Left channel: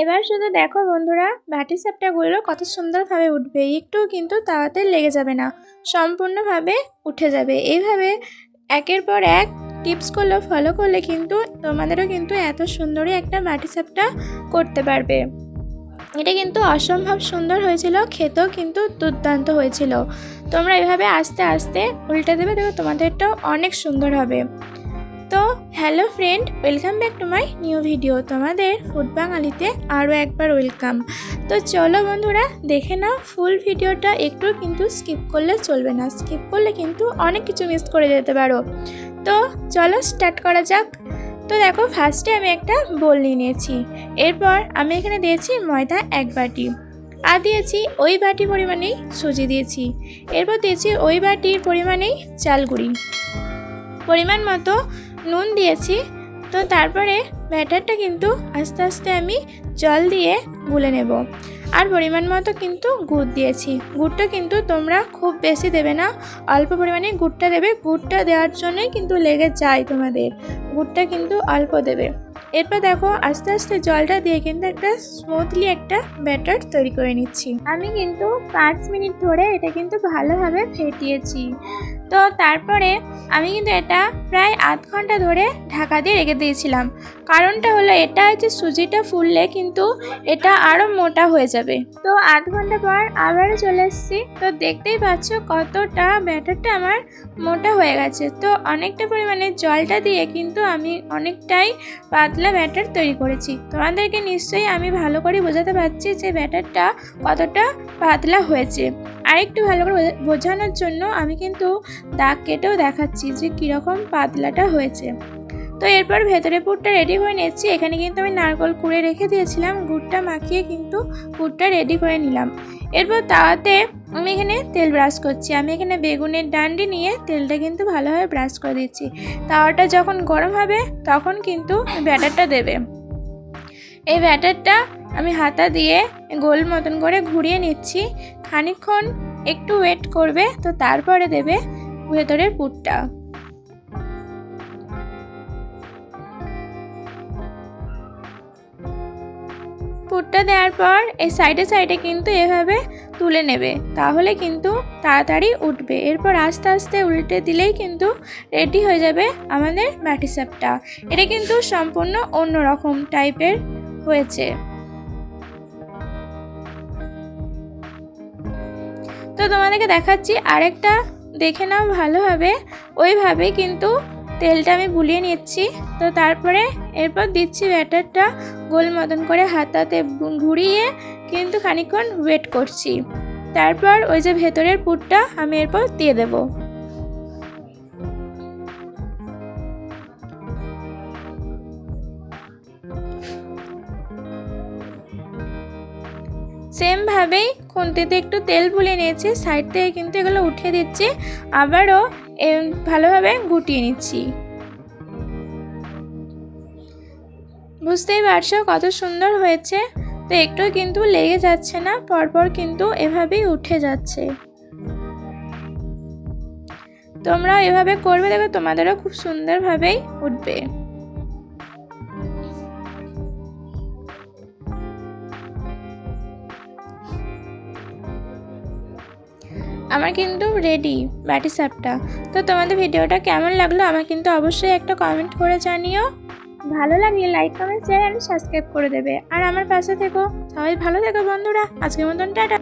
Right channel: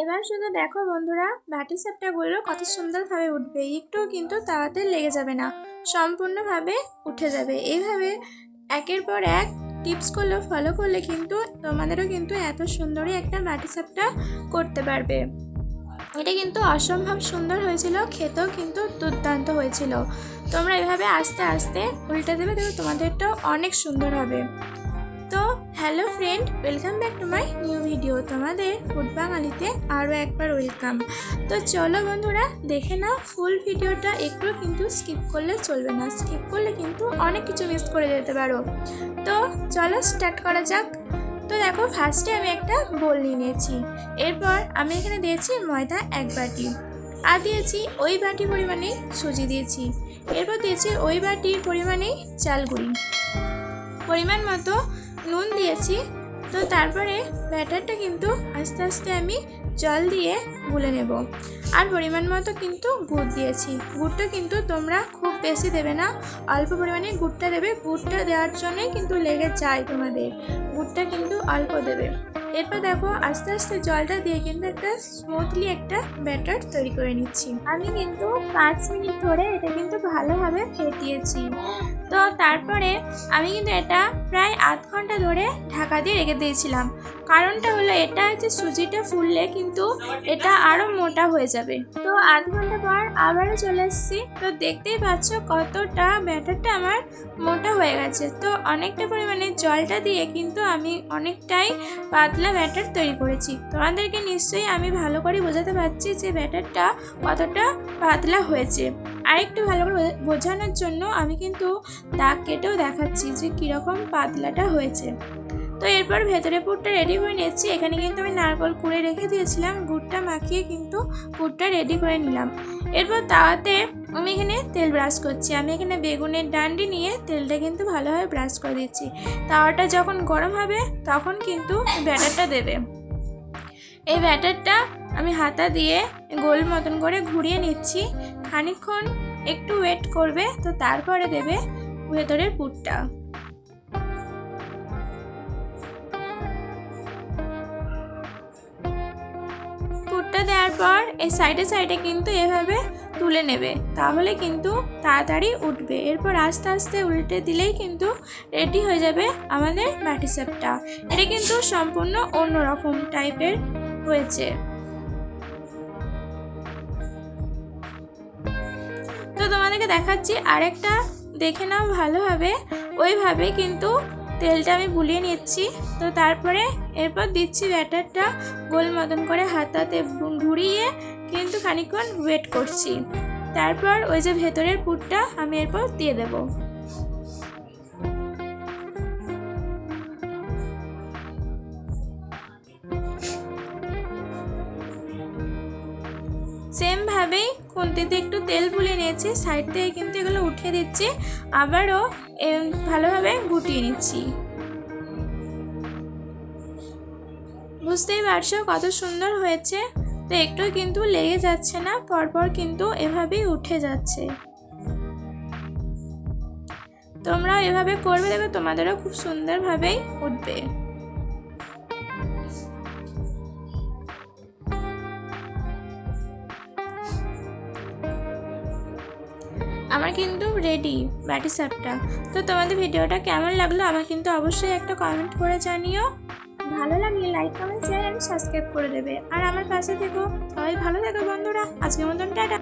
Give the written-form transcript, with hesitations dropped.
এবার শুধু দেখো বন্ধুরা, বাটি সাপটাগুলো কত সুন্দরভাবে উঠবে, একটুও কিন্তু তাওয়াতে লেগে যাবে না, সম্পূর্ণভাবে উঠে যাবে। এইভাবে একের পর এক টিপসগুলো ফলো করলে কিন্তু তোমাদেরও কিন্তু এত সুন্দরই একটা বাটি সাপটা করতে পারবে। এটা কিন্তু অসম্ভব সুন্দর হয়েছিল, খেতেও কিন্তু দুর্দান্ত হয়েছিল। তোমরা এভাবে আস্তে আস্তে উল্টে দেবে, দেখো তোমাদেরটাও অনেক সুন্দর হবে। তো hello friend, welcome back to my new video. তোমাদের ফুড বাঙালিতে আরও একবার ওয়েলকাম। তো চলো বন্ধুরা, দেখে নাও ফুল ভিডিওটা, একটু কিন্তু স্কিপ করলে চলবে না, স্কিপ করলে কিন্তু অনেক কিছু মিস করে যেতে পারো। তো চলো স্টার্ট করা যাক। তো দেখো, ফার্স্টে আমি একটা বোল নিয়ে নিয়েছি। এরপর আমি এখানে দিয়েছি ময়দা 1 বাটি, আর দিয়েছি ওই বাটি পরিমাণেই সুজি দিয়েছি। এরপর দিয়েছি ওই বাটির পরিমাণেই চাল গুঁড়ি, পরিমাণ মতো নুন দিয়েছি। তো তারপরে ব্যাটারটা কিন্তু আস্তে আস্তে আমি জল দিয়ে গুলে নেব। আর পরিমাণ মতো কিন্তু গুড় দিয়েছি। গুড়টা কিন্তু তোমরা খুব বেশি দেবে না, অল্প পরিমাণে গুড়টা দেবে। গুড়টা দেওয়ার জন্যই কিন্তু লেগে যায় তোমাদের, গুড়টা কিন্তু অল্প দেবে। এরপর দেখো, আস্তে আস্তে জলটা দিয়ে কিন্তু একটা স্মুথলি একটা ব্যাটার তৈরি করে নিচ্ছি। আমি কিন্তু 5 মিনিট ধরে এটা কিন্তু ভালোভাবে ফেটিয়েছি। তো তারপরে আমি কিন্তু এটা প্রায় আধ ঘন্টা ধরে ঢাকা দিয়ে রেখে দিয়েছিলাম। কারণটা হলো এটা যে সুজিটা ফুললে কিন্তু এটা আরও মোটা হয়ে যাবে। তো আধ ঘন্টা পর আবারও চলে এসেছি। তো দেখতেই পাচ্ছ কতটা ব্যাটারটা আমার মোটা হয়ে গেছে। তো অনেকটা পরিমাণে জলটা দিয়ে কিন্তু আমি অনেকটাই পাতলা ব্যাটার তৈরি করেছি। তোমাদেরকে নিশ্চয়ই আমি ভালো করে বোঝাতে পারছি যে ব্যাটারটা কতটা পাতলা হয়েছে। আরেকটু ভালো করে বোঝানোর জন্য আমি কিন্তু দাগ কেটেও দেখাচ্ছি যে কীরকম পাতলাটা হয়েছে। তো এরপর ভেতরে পুরটা রেডি করে নিচ্ছি। এখানে কিন্তু আমি নারকেল কুড়ে রেখে দিয়েছিলাম, গুড়টা মাখিয়ে কিন্তু পুরটা রেডি করে নিলাম। এরপর তাওয়াতে আমি এখানে তেল ব্রাশ করছি। আমি এখানে বেগুনের ডান্ডি নিয়ে তেলটা কিন্তু ভালোভাবে ব্রাশ করে দিচ্ছি। তাওয়াটা যখন গরম হবে তখন কিন্তু ব্যাটারটা দেবে। এই ব্যাটারটা আমি হাতা দিয়ে গোল মতন করে ঘুরিয়ে নিচ্ছি। খানিকক্ষণ একটু ওয়েট করবে, তো তারপরে দেবে ভেতরের পুরটা। পুরটা দেওয়ার পর এই সাইডে সাইডে কিন্তু এভাবে তুলে নেবে, তাহলে কিন্তু তাড়াতাড়ি উঠবে। এরপর আস্তে আস্তে উল্টে দিলেই কিন্তু রেডি হয়ে যাবে আমাদের বাটি সাপটা। এটা কিন্তু সম্পূর্ণ অন্যরকম টাইপের হয়েছে। তো তোমাদেরকে দেখাচ্ছি আরেকটা, দেখে নাও ভালোভাবে। ওইভাবে কিন্তু তেলটা আমি বুলিয়ে নিচ্ছি। তো তারপরে এরপর দিচ্ছি ব্যাটারটা গোল মতন করে হাতাতে ঘুরিয়ে কিন্তু খানিকক্ষণ ওয়েট করছি। তারপর ওই যে ভেতরের পুরটা আমি এরপর দিয়ে দেব। সেমভাবেই খুন্তিতে একটু তেল বুলিয়ে নিয়েছি, সাইড থেকে কিন্তু এগুলো উঠিয়ে দিচ্ছি, আবারও ভালোভাবে গুটিয়ে নিচ্ছি। বুঝতেই পারছো কত সুন্দর হয়েছে। তো একটু কিন্তু লেগে যাচ্ছে না, পরপর কিন্তু এভাবেই উঠে যাচ্ছে। তোমরাও এভাবে করবে, দেখো তোমাদেরও খুব সুন্দরভাবেই উঠবে। আমার কিন্তু রেডি বাটি সাপটা। তো তোমাদের ভিডিওটা কেমন লাগলো আমার কিন্তু অবশ্যই একটা কমেন্ট করে জানিও। ভালো লাগলে like, comment, share and subscribe করে দেবে। আর আমার পাশে থেকো। সবাই ভালো থেকো বন্ধুরা। আজকের মতন টাটা।